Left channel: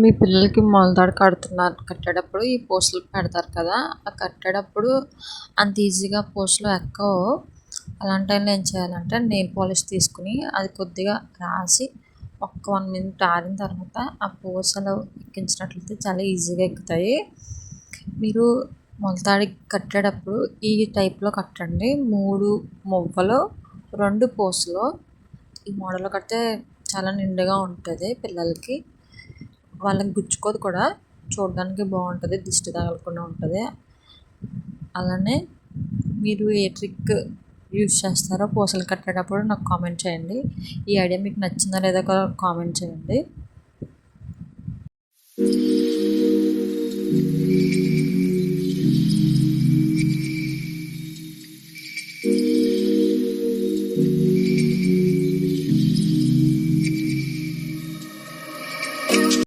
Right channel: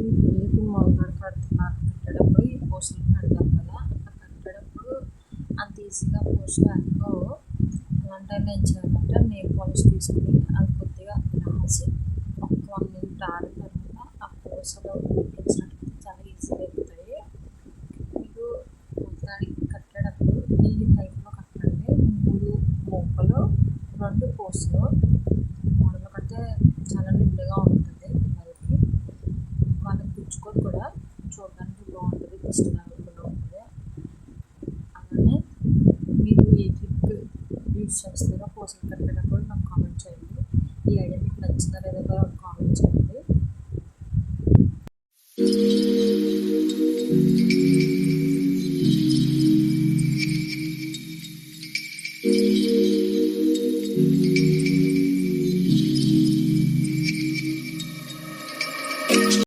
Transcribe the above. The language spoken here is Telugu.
మీ పిల్లలకి మొలతాడు కట్టేటప్పుడు ఈ పూసలు పెడతారు కదా, ఆ కట్టేటప్పుడు అంత ఈజీగా పూసలు ఎక్కవు. అలాంటి టైంలో ఏం చేయాలంటే నెయిల్ పాలిష్ తీసుకుని అది కొద్దిగా రాసి ఒక్క 1 మినిట్ ఆరిన తర్వాత ఆ పూసలు ఎక్కించినట్లయితే చాలా ఈజీగా ఎక్కుతాయి. మీరు మొలతాడి కట్టేటప్పుడు ఈ టైప్లో కట్టండి. 3 మువ్వలు 2 పూసలు. ఈ మోడల్లో కడితే చాలా నిండుగా ఉంటుంది. పిల్లలకి వాళ్ళకి గుచ్చుకోదు కూడా, చూడడానికి బాగుంటుంది, దిష్టి తగలకుండా ఉంటుంది. అలానే మీరు ఏ ట్రిక్ యూజ్ చేస్తారో పూసలు కట్టేటప్పుడు నాకు కామెంట్ చేయండి. ఈ ఐడియా మీకు నచ్చిందా లేదా కూడా కామెంట్ చేయండి.